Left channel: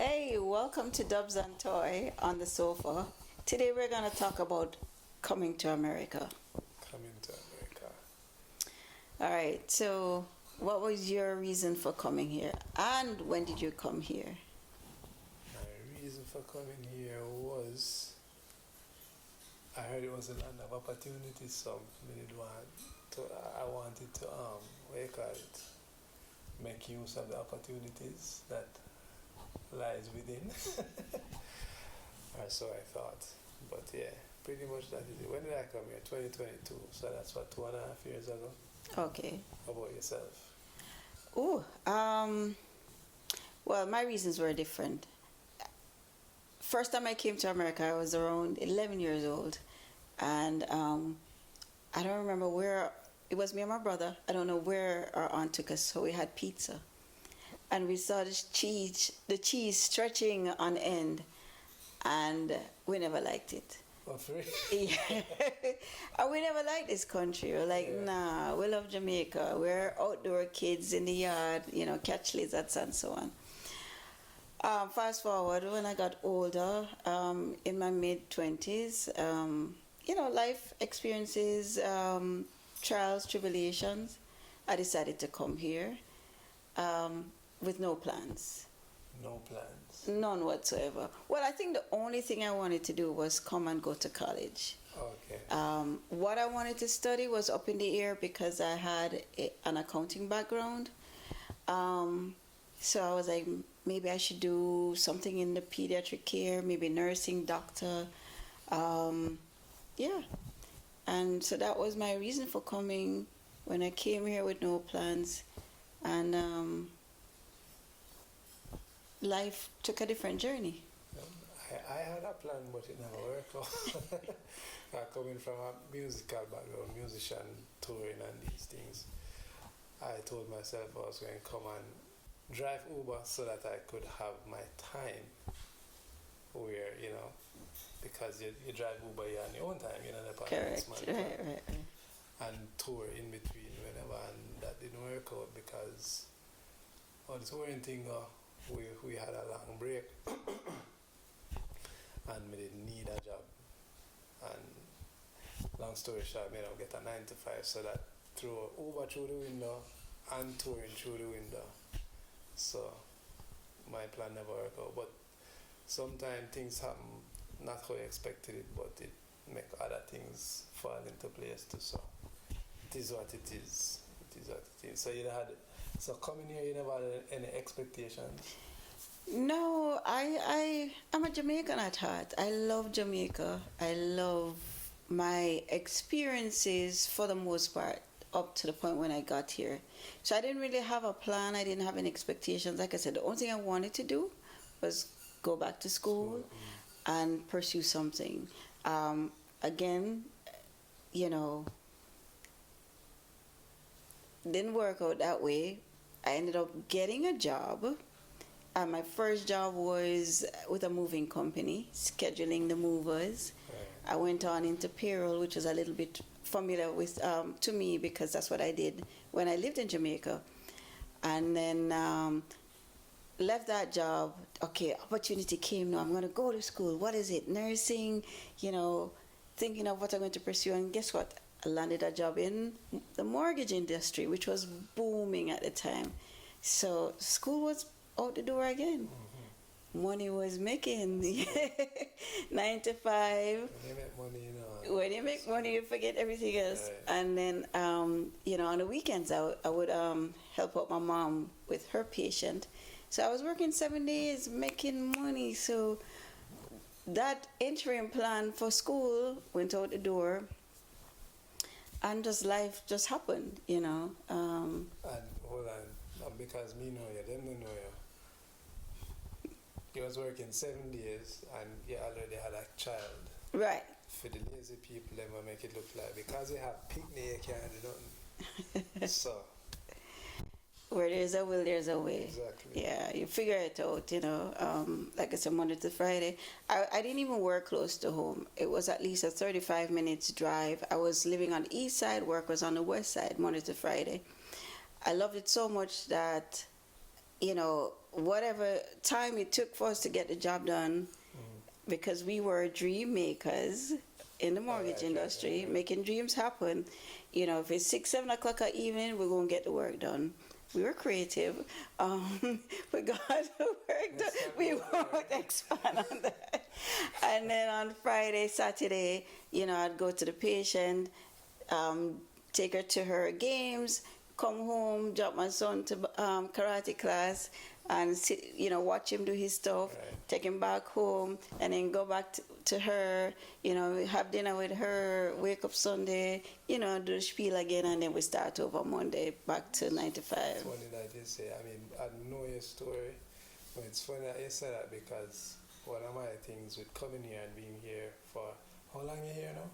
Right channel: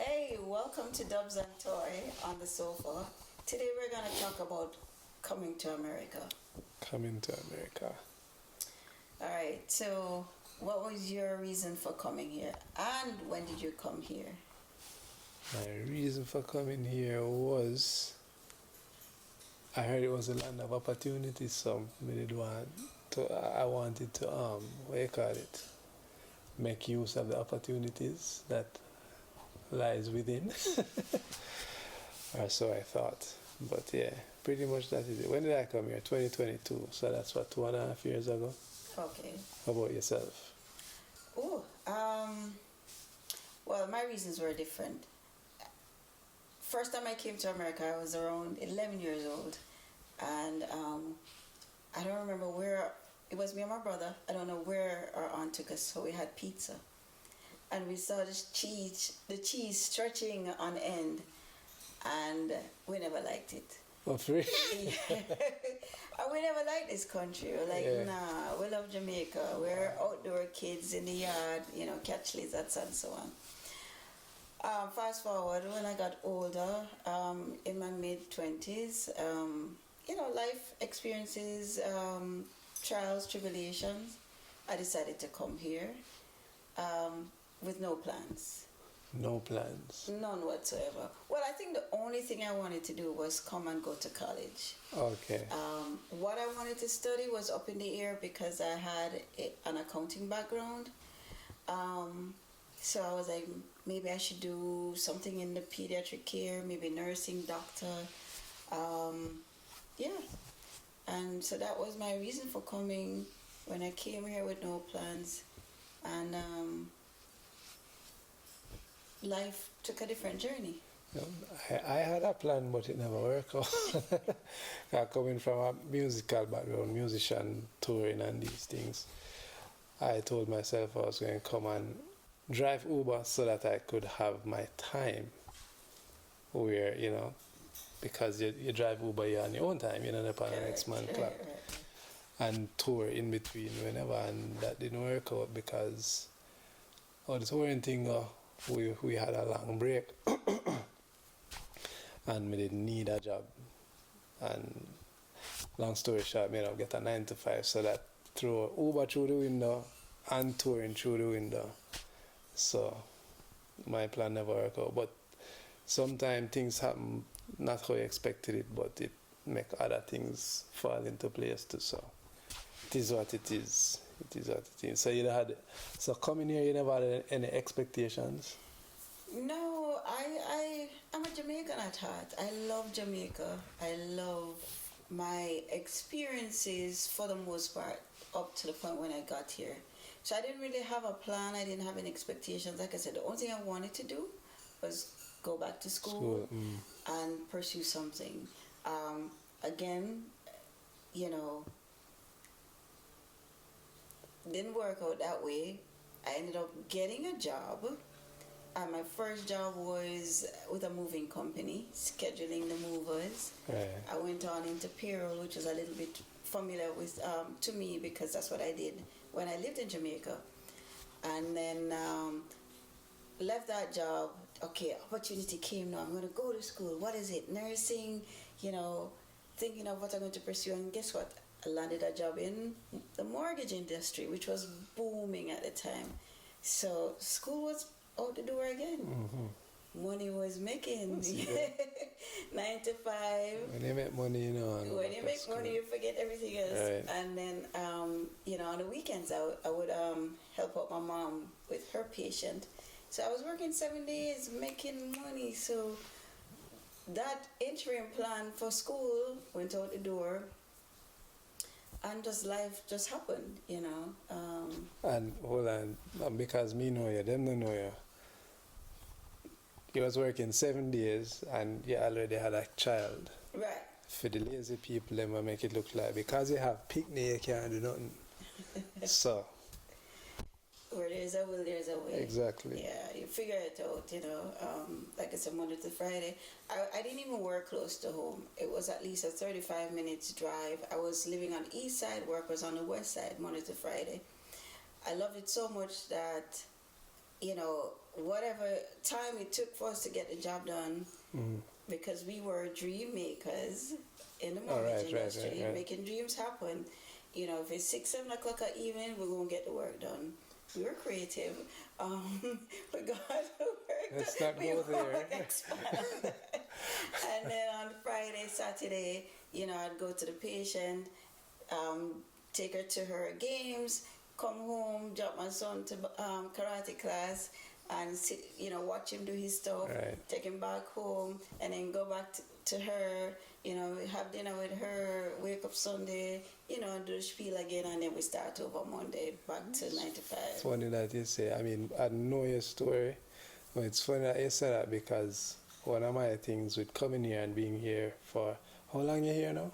Hey, welcome to Dubz N Toy on the sofa. Today we're going to talk about coming to America. Coming to America. All right, so what was your reason for coming here? And when did you come here? My reason for coming here was I heard it was a land of opportunities, so I wanted to what do you call it? Make use of the opportunities that lies within. Or so I thought. But yeah, pretty much that is it. When did I come here? 2022. So that's what, 2.5 years ago? Okay. How about yourself? Well, my reasons were different. First time I came to America, I was around 11 years old. And I don't remember where, it was me and my brother. I don't know where our aunt took us, so we had pizza. And we saw the cheese stretching on end, and we never liked it. Oh, free? Yeah. And we never liked this country. We're like, nah, we love Jamaica. We're outdoor kids in the yard, catch lizards and so on. Fast forward, when I got older, in my mid-20s, life experiences, trials, tribulations, I decided to come here with no plans. No plans? None whatsoever. Well, I think the only thing I wanted to do was come and go to college. Okay. What I wanted to study was up in the air because I had an accounting background. So I was like, maybe I should do something in the pediatric care, maybe nursing, doctor. Yeah. And so that was my reason for coming when I came here with no plans. And life took a different journey. I had a plan, but it never worked out. Coming from a musical background, musician, touring and these things, I told myself I was going to come and drive Uber so that I could have my time where, because you drive Uber, you're on your own time, the next man clock. Right. And tour in between whenever, and that didn't work out because the touring thing, we had a long break and we didn't need a job. And long story short, I get a 9 to 5, so that through Uber through the window and touring through the window. So my plan never worked out. But sometimes things happen not how you expected it, but it make other things fall into place too. So it is what it is. It is what it is. So coming here, you never had any expectations? No, I'm a Jamaican at heart. I love Jamaica. I love my experiences for the most part up to the point when I got here. So I didn't really have a plan. I didn't have any expectations. Like I said, the only thing I wanted to do was go back to school and pursue something. Again, didn't work out that way. I ended up getting a job. My first job was with a moving company, scheduling the movers. Right. I went on into payroll, which was a little bit familiar with to me because that's what I did when I lived in Jamaica. And then left that job. Okay, opportunity came now. I'm going to go to school. What is it? Nursing, thinking of what I'm going to pursue. And guess what? I landed a job in the mortgage industry, which was booming at the time. So school was out the door again. Mm-hmm. Money was making 9 to 5. When you make money, When you make money, you forget everything else. Right. And then, on the weekends, I would help out my mom with her patient. So I was working 7 days, making money. So that interim plan for school went out the door. And life just happened, And hold on, because me know you, them don't know you. You was working 7 days and you already had a child. Right. For the lazy people, them will make it look like because you have picnic, you can't do nothing. So. Where there's a will, there's a way. Exactly. Yeah, you figure it out, like I said, Monday to Friday. I didn't even work close to home. It was at least a 35 minutes drive. I was living on the east side, work was on the west side, Monday to Friday. I loved it so much that whatever time it took for us to get the job done, because we were dream makers in the mortgage industry, making dreams happen. If it's 6, 7 o'clock at evening, we're going to get the work done. We were creative. We got the work done. We won't expand. And then on Friday, Saturday, I'd go to the patient, take her to her games, come home, drop my son to karate class, and sit, watch him do his stuff, take him back home, and then go back to her, have dinner with her, wake up Sunday, do the spiel again, and then we start over Monday, back to 9 to 5. It's funny that you say, I know your story, but it's funny that you say that, because one of my things with coming here and being here for, how long you here now?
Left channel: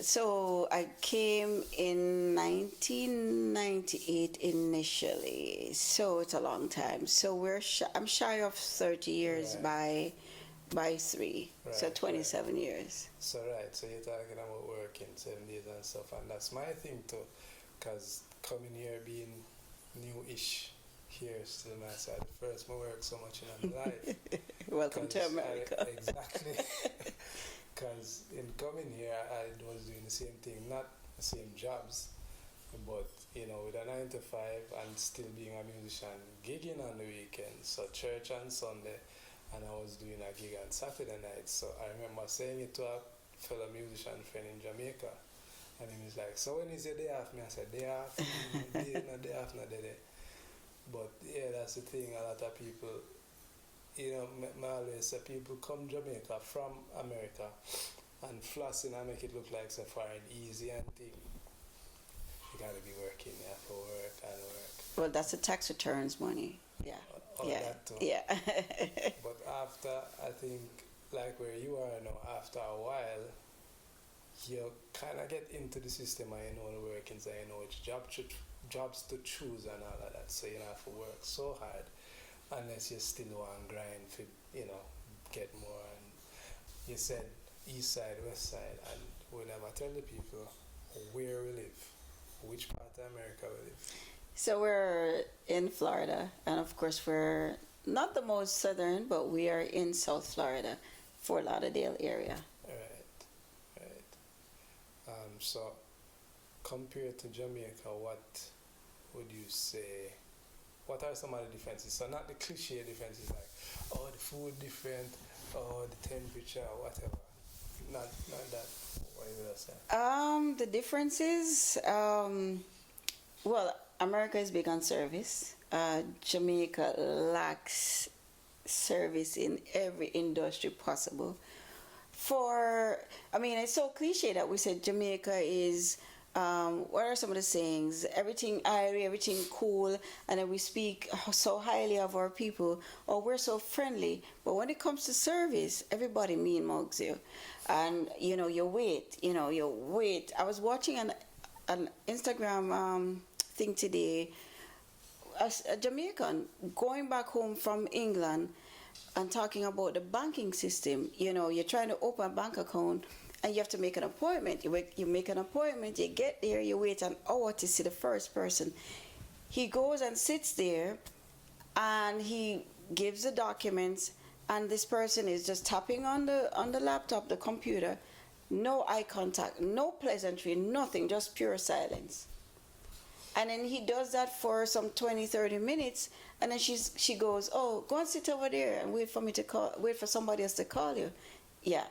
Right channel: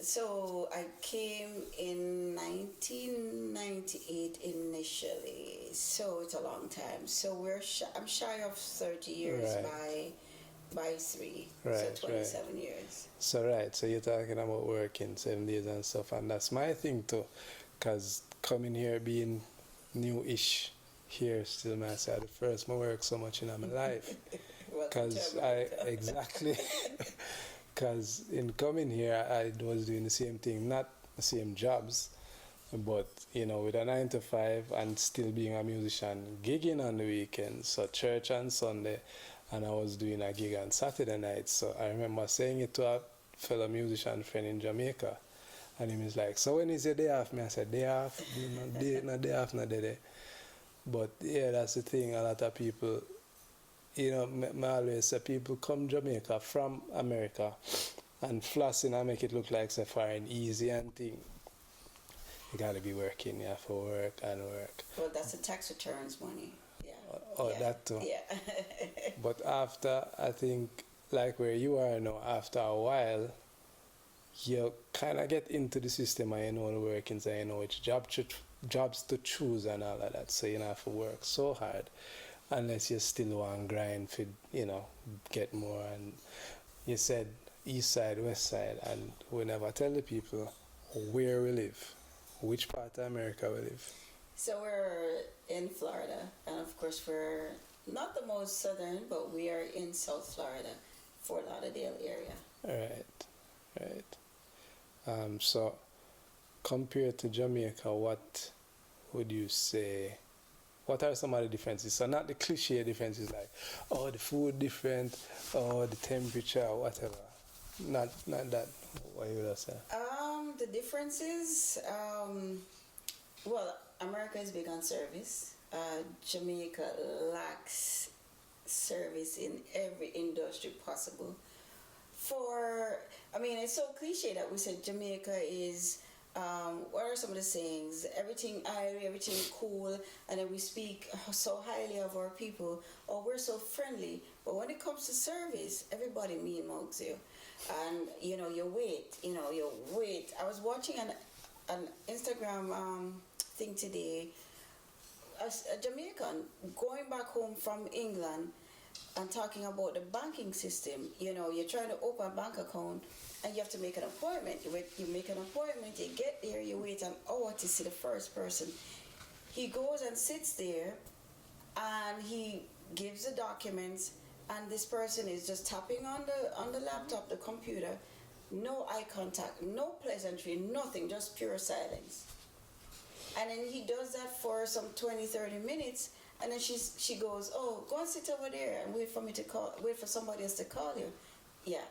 So I came in 1998 initially, so it's a long time. So I'm shy of 30 years by 3, so 27 years. So so you're talking about working 7 days and stuff, and that's my thing too, because coming here being new-ish here still myself the first I work so much in my life. Welcome to America. Exactly. Because in coming here, I was doing the same thing, not the same jobs, but, with a 9 to 5 and still being a musician, gigging on the weekends, so church on Sunday, and I was doing a gig on Saturday night. So I remember saying it to a fellow musician friend in Jamaica, and he was like, so when is your day off? I said, day off? Day off, not day. But yeah, that's the thing, a lot of people, I always say people come Jamaica from America and flossing and make it look like it's a foreign easy and thing. You gotta be working, you have to work and work. Well, that's the tax returns money. Yeah. That too. Yeah. But after, I think, like where you are now, after a while, you kind of get into the system and you know the workings and you know which jobs to choose and all of that. So you don't have to work so hard unless you still want to grind for, get more. And you said east side, west side, and we never tell the people where we live, which part of America we live. So we're in Florida, and of course we're not the most southern, but we are in South Florida, Fort Lauderdale area. Right. So compared to Jamaica, what would you say, what are some of the differences? So not the cliche differences like, oh, the food different, or the temperature, whatever. Not that. What you would say? The differences, well, America is big on service. Jamaica lacks service in every industry possible. It's so cliche that we said Jamaica is, what are some of the sayings? Everything airy, everything cool, and then we speak so highly of our people, or we're so friendly. But when it comes to service, everybody mean mugs you. And, you wait. I was watching an Instagram thing today, a Jamaican going back home from England and talking about the banking system. You're trying to open a bank account and you have to make an appointment. You make an appointment, you get there, you wait an hour to see the first person. He goes and sits there and he gives the documents, and this person is just tapping on the laptop, the computer, no eye contact, no pleasantry, nothing, just pure silence. And then he does that for some 20-30 minutes, and then she goes, oh, go and sit over there and wait for somebody else to call you. Yeah.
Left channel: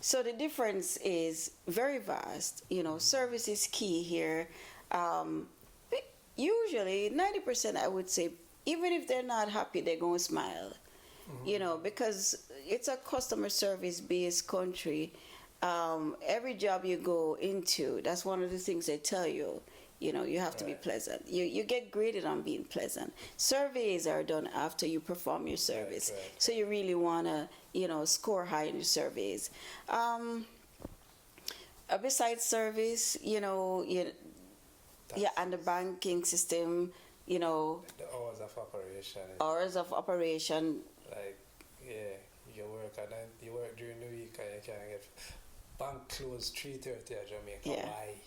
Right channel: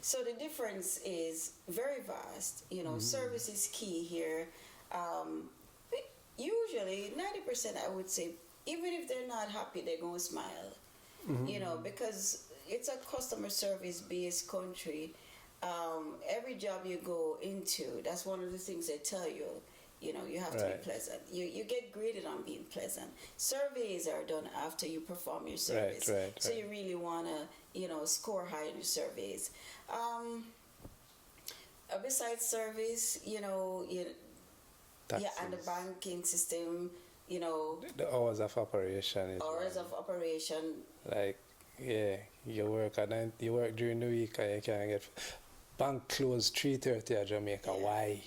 So the difference is very vast. Service is key here. Usually 90%, I would say, even if they're not happy, they're going to smile. Because it's a customer service based country. Every job you go into, that's one of the things they tell you. You have to be pleasant. You get graded on being pleasant. Surveys are done after you perform your service. So you really want to, score high in your surveys. Besides service, and the banking system, the hours of operation. Like, you work during the week and you can't get bank closed 3:30 at Jamaica. Yeah. Why?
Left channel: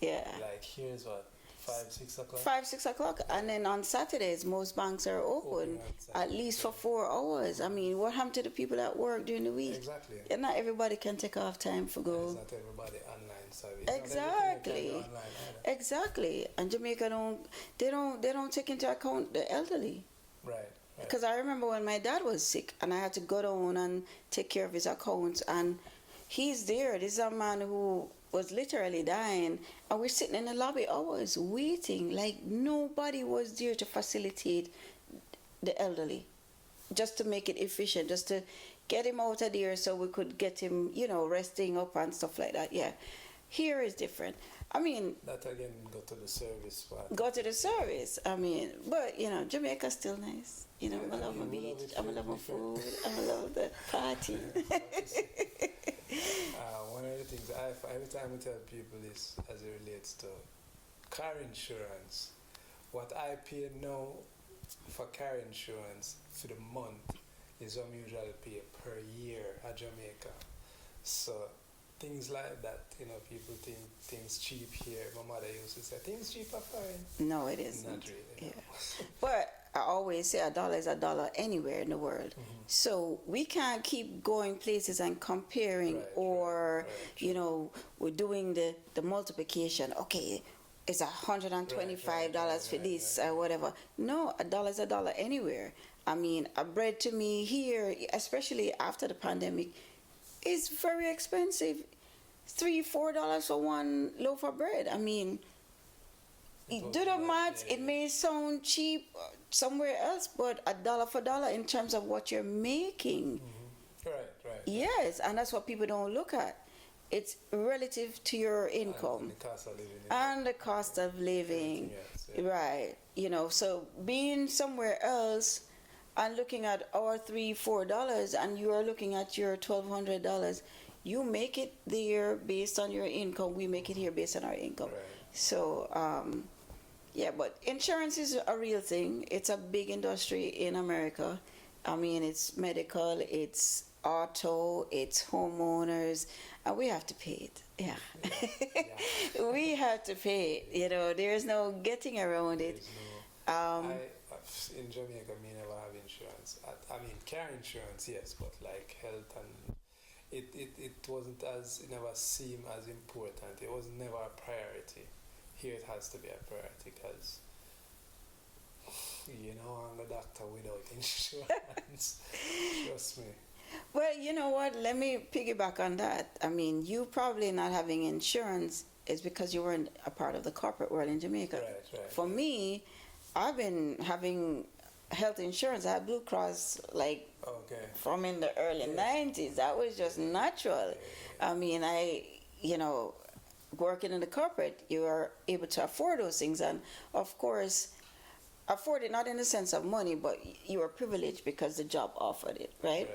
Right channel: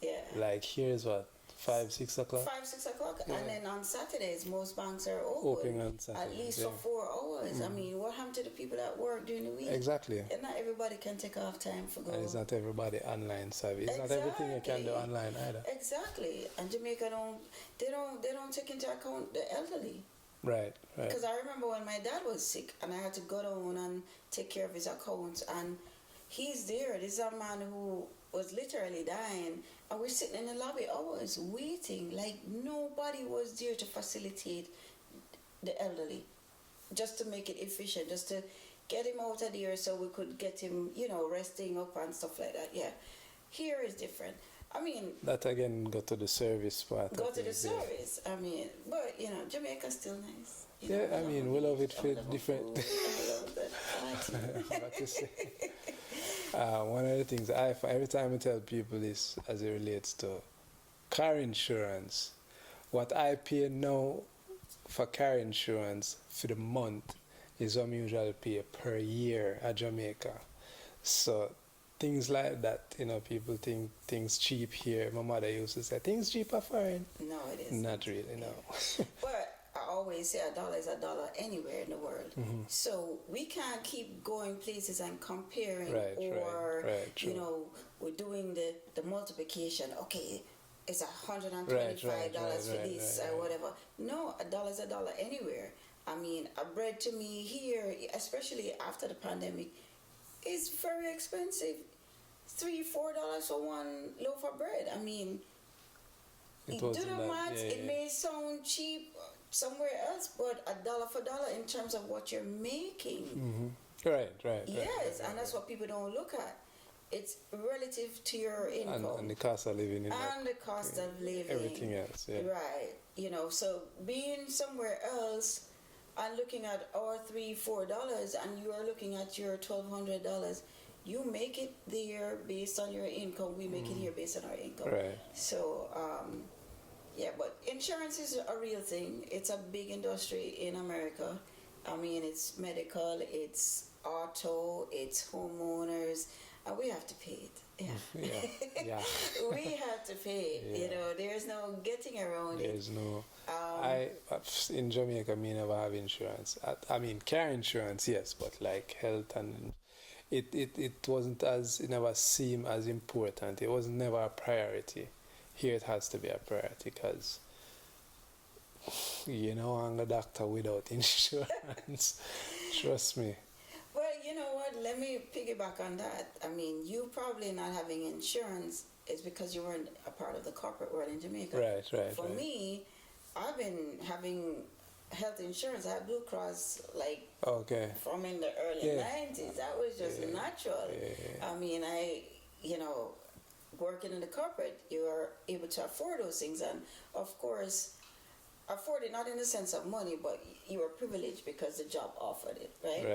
Yeah. Like, here's what 5, 6 o'clock. 5, 6 o'clock, and then on Saturdays most banks are open Open on at Saturdays, least yeah. for 4 hours. I mean, what happened to the people that work during the week? Exactly. And not everybody can take off time for go. And it's not everybody online savvy. It's not everything you can do online either. Exactly. And Jamaica don't take into account the elderly. Right. Because I remember when my dad was sick and I had to go down and take care of his accounts, and he's there. This is a man who was literally dying, and we're sitting in the lobby hours waiting, like nobody was there to facilitate the elderly, just to make it efficient, just to get him out of there so we could get him, resting up and stuff like that. Yeah, here is different. I mean, that again go to the service part. Go to the service. I mean, but Jamaica's still nice. Yeah, I mean, we love it for different. I love the party. One of the things every time I tell people this, as it relates to car insurance, what I pay now for car insurance for the month is what I usually pay per year at Jamaica. So things like that, people think things cheap here. My mother used to say things cheap are foreign. No, it isn't. Not really, no. Yeah. But I always say $1 is $1 anywhere in the world. Mm-hmm. So we can't keep going places and comparing, right, we're doing the multiplication. Okay, it's $125 for this or whatever. No, $1 is $1 anywhere. I mean, a bread to me here, especially after the pandemic, is very expensive. $3-4 for one loaf of bread. I mean, do the maths. It may sound cheap somewhere else, but $1 for $1 in terms of what you're making. Mm-hmm. Right. Yes, and that's what people don't look at. It's relative to your income. And the cost of living. The cost of living. Everything else, yeah. Right. So being somewhere else and looking at our $3-4 and you are looking at your $1,200, you make it there based on your income. We make it here based on our income. Right. So, but insurance is a real thing. It's a big industry in America. I mean, it's medical, it's auto, it's homeowners, and we have to pay it. Yeah. We have to pay it. Yeah. There's no getting around it. There's no... in Jamaica, me never have insurance. I mean, car insurance, yes, but like health and... It wasn't it never seemed as important. It was never a priority. Here it has to be a priority because, I'm a doctor without insurance. Trust me. Well, you know what? Let me piggyback on that. I mean, you probably not having insurance is because you weren't a part of the corporate world in Jamaica. Right. For me, I've been having health insurance. I had Blue Cross from in the early 90s. That was just natural. I mean, working in the corporate, you are able to afford those things, and of course afford it not in the sense of money, but you were privileged because the job offered it, right?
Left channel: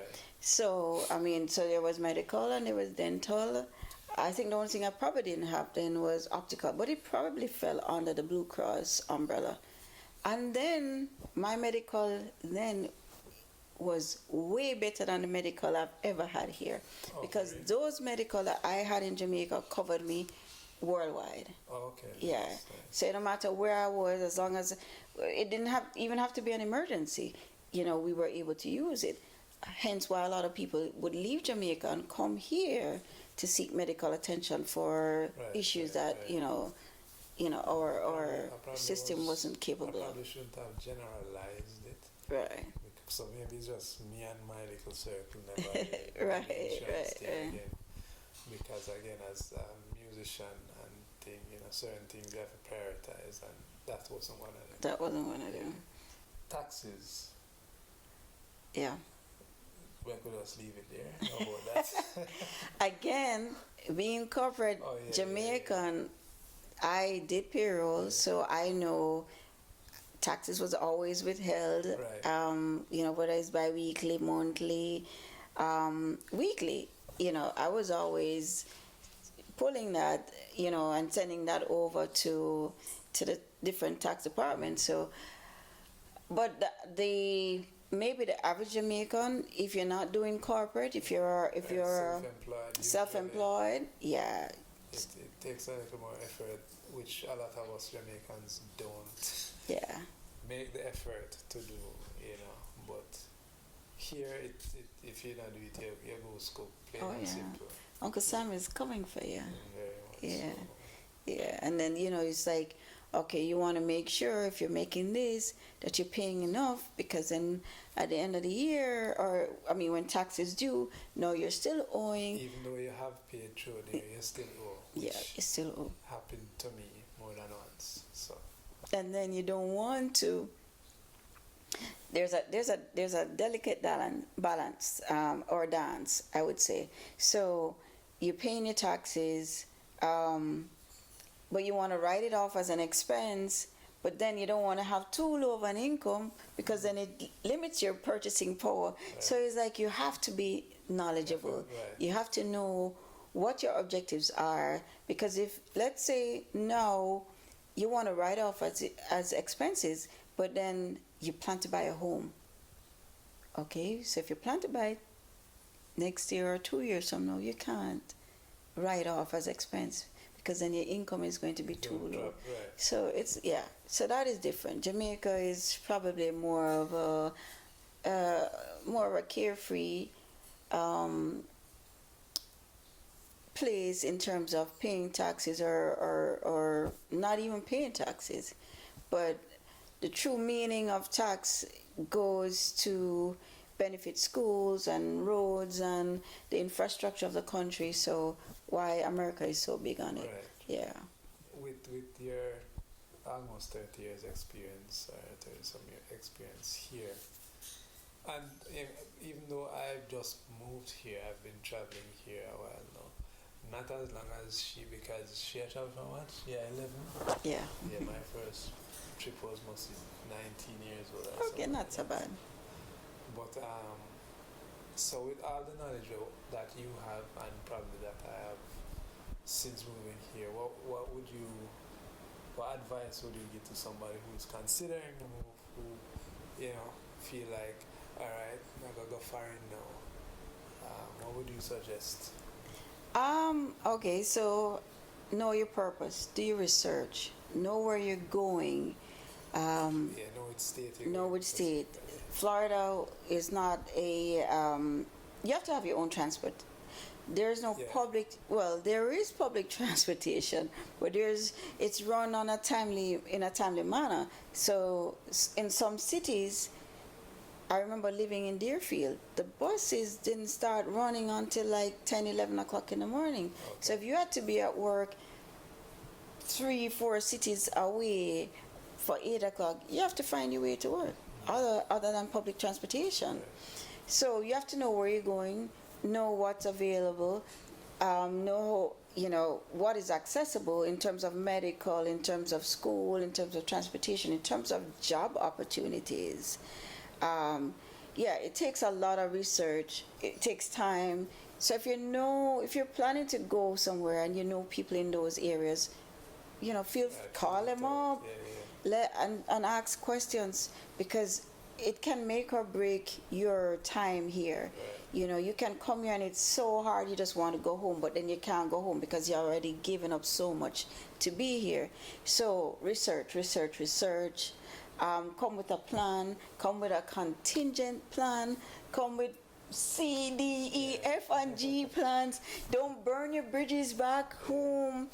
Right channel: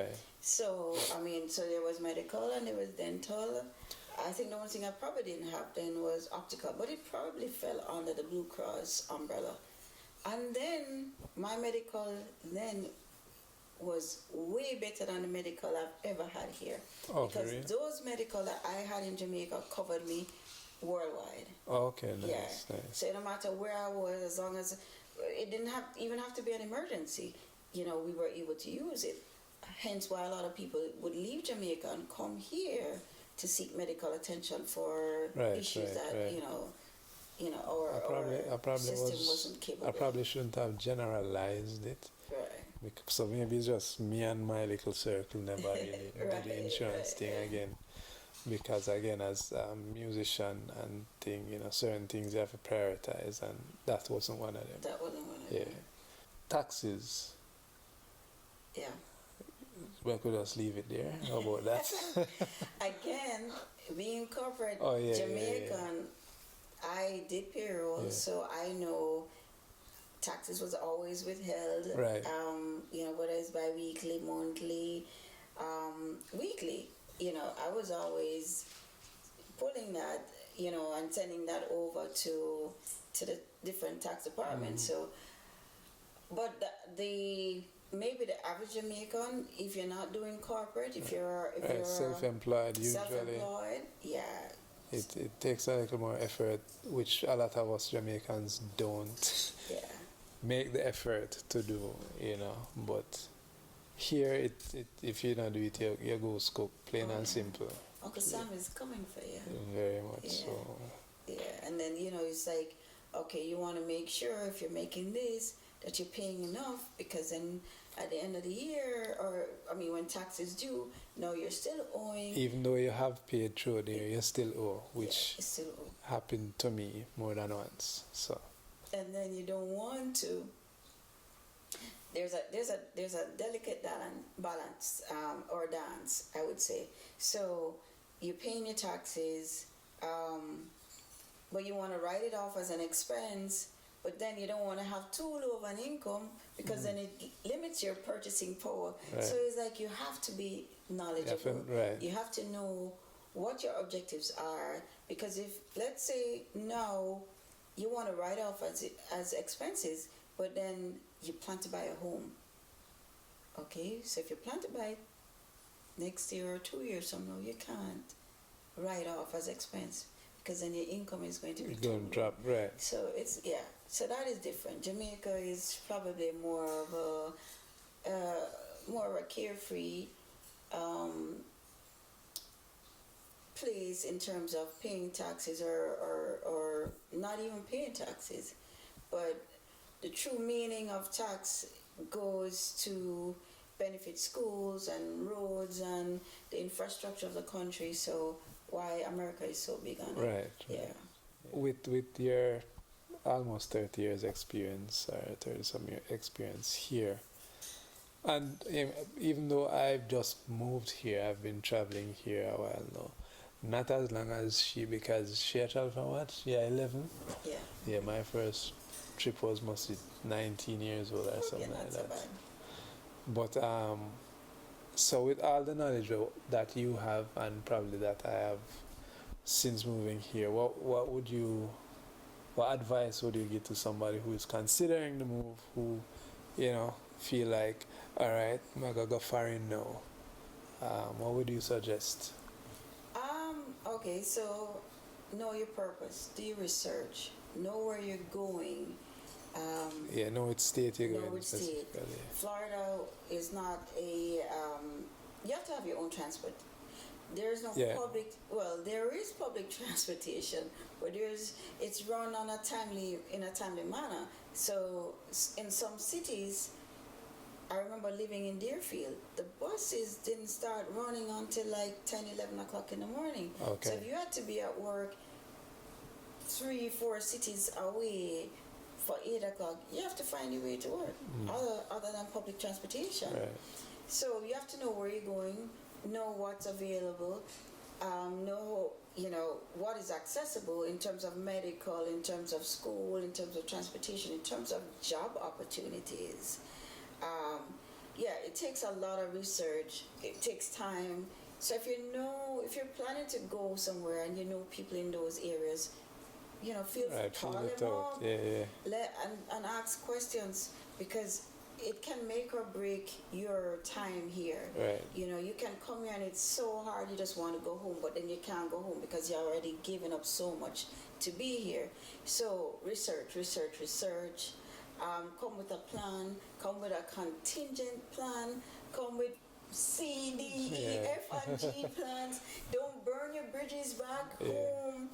So there was medical and there was dental. I think the only thing I probably didn't have then was optical, but it probably fell under the Blue Cross umbrella. And then my medical then was way better than the medical I've ever had here. Because those medical that I had in Jamaica covered me worldwide. Nice. So no matter where I was, as long as it didn't even have to be an emergency, we were able to use it. Hence why a lot of people would leave Jamaica and come here to seek medical attention for issues that our system wasn't capable. I probably shouldn't have generalized it. Right. So maybe it's just me and my little circle never really did the insurance thing again. Because again, as a musician and thing, certain things you have to prioritize, and that wasn't one of them. them. Taxes. Yeah. We could just leave it there. How about that? Again, being corporate Jamaican, I did payroll, so I know taxes was always withheld. Right. Whether it's bi-weekly, monthly, weekly. I was always pulling that, and sending that over to the different tax departments. So, but maybe the average Jamaican, if you're not doing corporate, if you're self-employed, yeah, it takes a little more effort, which a lot of us Jamaicans don't Yeah. make the effort to do, you know. But here, if you don't do it, you go cook, plain Oh, and yeah. simple. Uncle Sam is coming for you. Very much Yeah. so. Yeah, and then it's like, okay, you want to make sure if you're making this that you're paying enough, because then at the end of the year, or I mean when tax is due, no, you're still owing. Even though you have paid through there, you still owe, Yeah, which you still owe. happened to me more than once. So And then you don't want to. There's a delicate balance, or dance, I would say. So you're paying your taxes, but you want to write it off as an expense, but then you don't want to have too low of an income, because then it limits your purchasing power. Right. So it's like you have to be knowledgeable. Right. You have to know what your objectives are, because if, let's say, now you want to write off as expenses, but then you plan to buy a home. Okay, so if you plan to buy it next year or 2 years from now, you can't write off as expense, because then your income is going to be it's too going low. to drop, right? So so that is different. Jamaica is probably more of a carefree place in terms of paying taxes, or not even paying taxes. But the true meaning of tax goes to benefit schools and roads and the infrastructure of the country. So why America is so big on it. Right. Yeah. With your almost 30 years experience, or 30 some year experience here, and even though I've just moved here, I've been traveling here a while now. Not as long as she, because she had traveled from what? Yeah, 11? Yeah. Yeah, my first trip was mostly 19 years old or Okay, something not like so that. bad. But so with all the knowledge that you have, and probably that I have since moving here, what advice would you give to somebody who is considering the move, who feel like, all right, I'm gonna go foreign now? What would you suggest? Okay, so know your purpose, do your research, know where you're going. Know which state you're Know going. which state. Specifically. Florida is not a. You have to have your own transport. There's no Yeah. public. Well, there is public transportation, but it's run in a timely manner. So in some cities, I remember living in Deerfield, the buses didn't start running until like 10, 11 o'clock in the morning. Okay. So if you had to be at work 3, 4 cities away for 8 o'clock, you have to find your way to work, other than public transportation. Right. So you have to know where you're going, know what's available, know what is accessible in terms of medical, in terms of school, in terms of transportation, in terms of job opportunities. It takes a lot of research. It takes time. So if you're planning to go somewhere and you know people in those areas, call them up, and ask questions, because it can make or break your time here. Right. You can come here and it's so hard, you just want to go home, but then you can't go home because you're already given up so much to be here. So research. Come with a plan, come with a contingent plan, come with C, D, E, F, and G plans. Don't burn your bridges back home.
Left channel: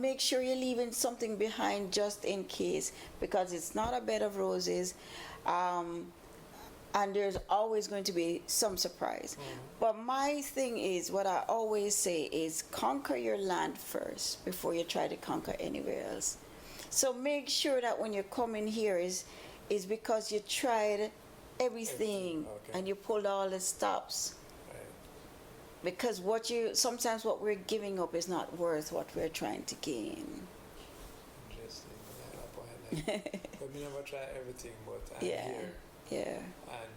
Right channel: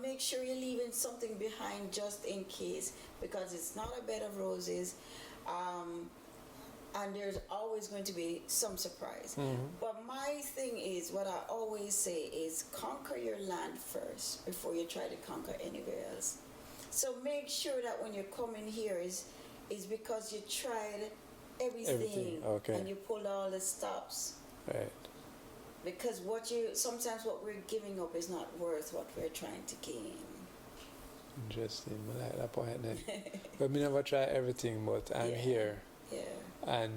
Make sure you're leaving something behind just in case, because it's not a bed of roses. And there's always going to be some surprise. Mm-hmm. But my thing is, what I always say is, conquer your land first before you try to conquer anywhere else. So make sure that when you're coming here is because you tried everything. Okay. And you pulled all the stops. Right. Because sometimes what we're giving up is not worth what we're trying to gain. Interesting. I like that point then. But we never try everything, but I'm here. Yeah. And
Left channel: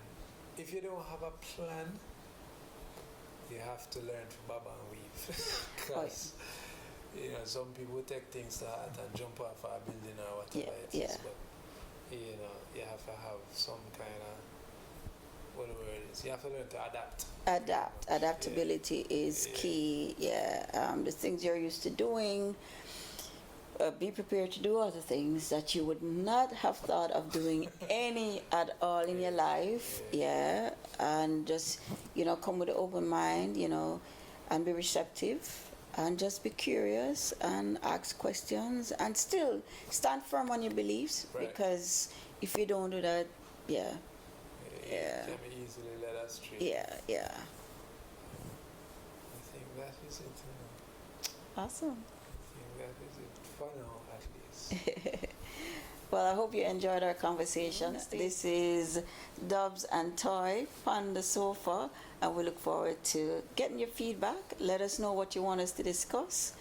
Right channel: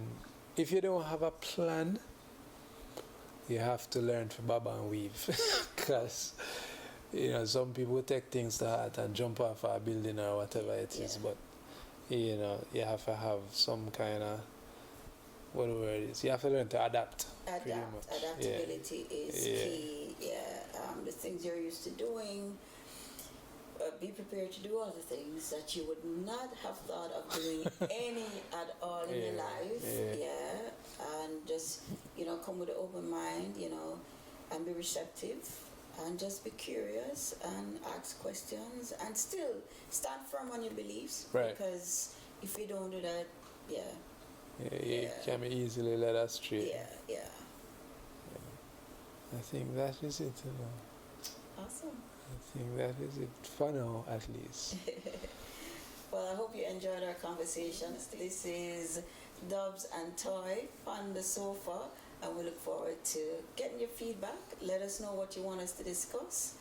if you don't have a plan, you have to learn to bob and weave. Because some people take things to heart and jump off a building or whatever it is, but you have to have some kind of, what the word is. You have to learn to adapt. Adapt. Adaptability is key. Yeah. The things you're used to doing. Be prepared to do other things that you would not have thought of doing any at all in your life. Yeah. And just, come with an open mind, and be receptive and just be curious and ask questions and still stand firm on your beliefs. Right. Because if you don't do that, you can be easily led astray. Yeah. I think that is it. Awesome. I think that is it for now, at least. Well, I hope you enjoyed our conversation. This is Dubz N Toy on the sofa, and we look forward to getting your feedback. Let us know what you want us to discuss.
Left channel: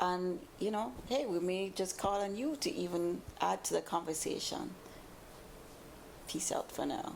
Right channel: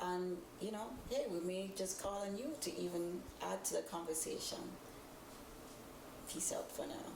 And, hey, we may just call on you to even add to the conversation. Peace out for now.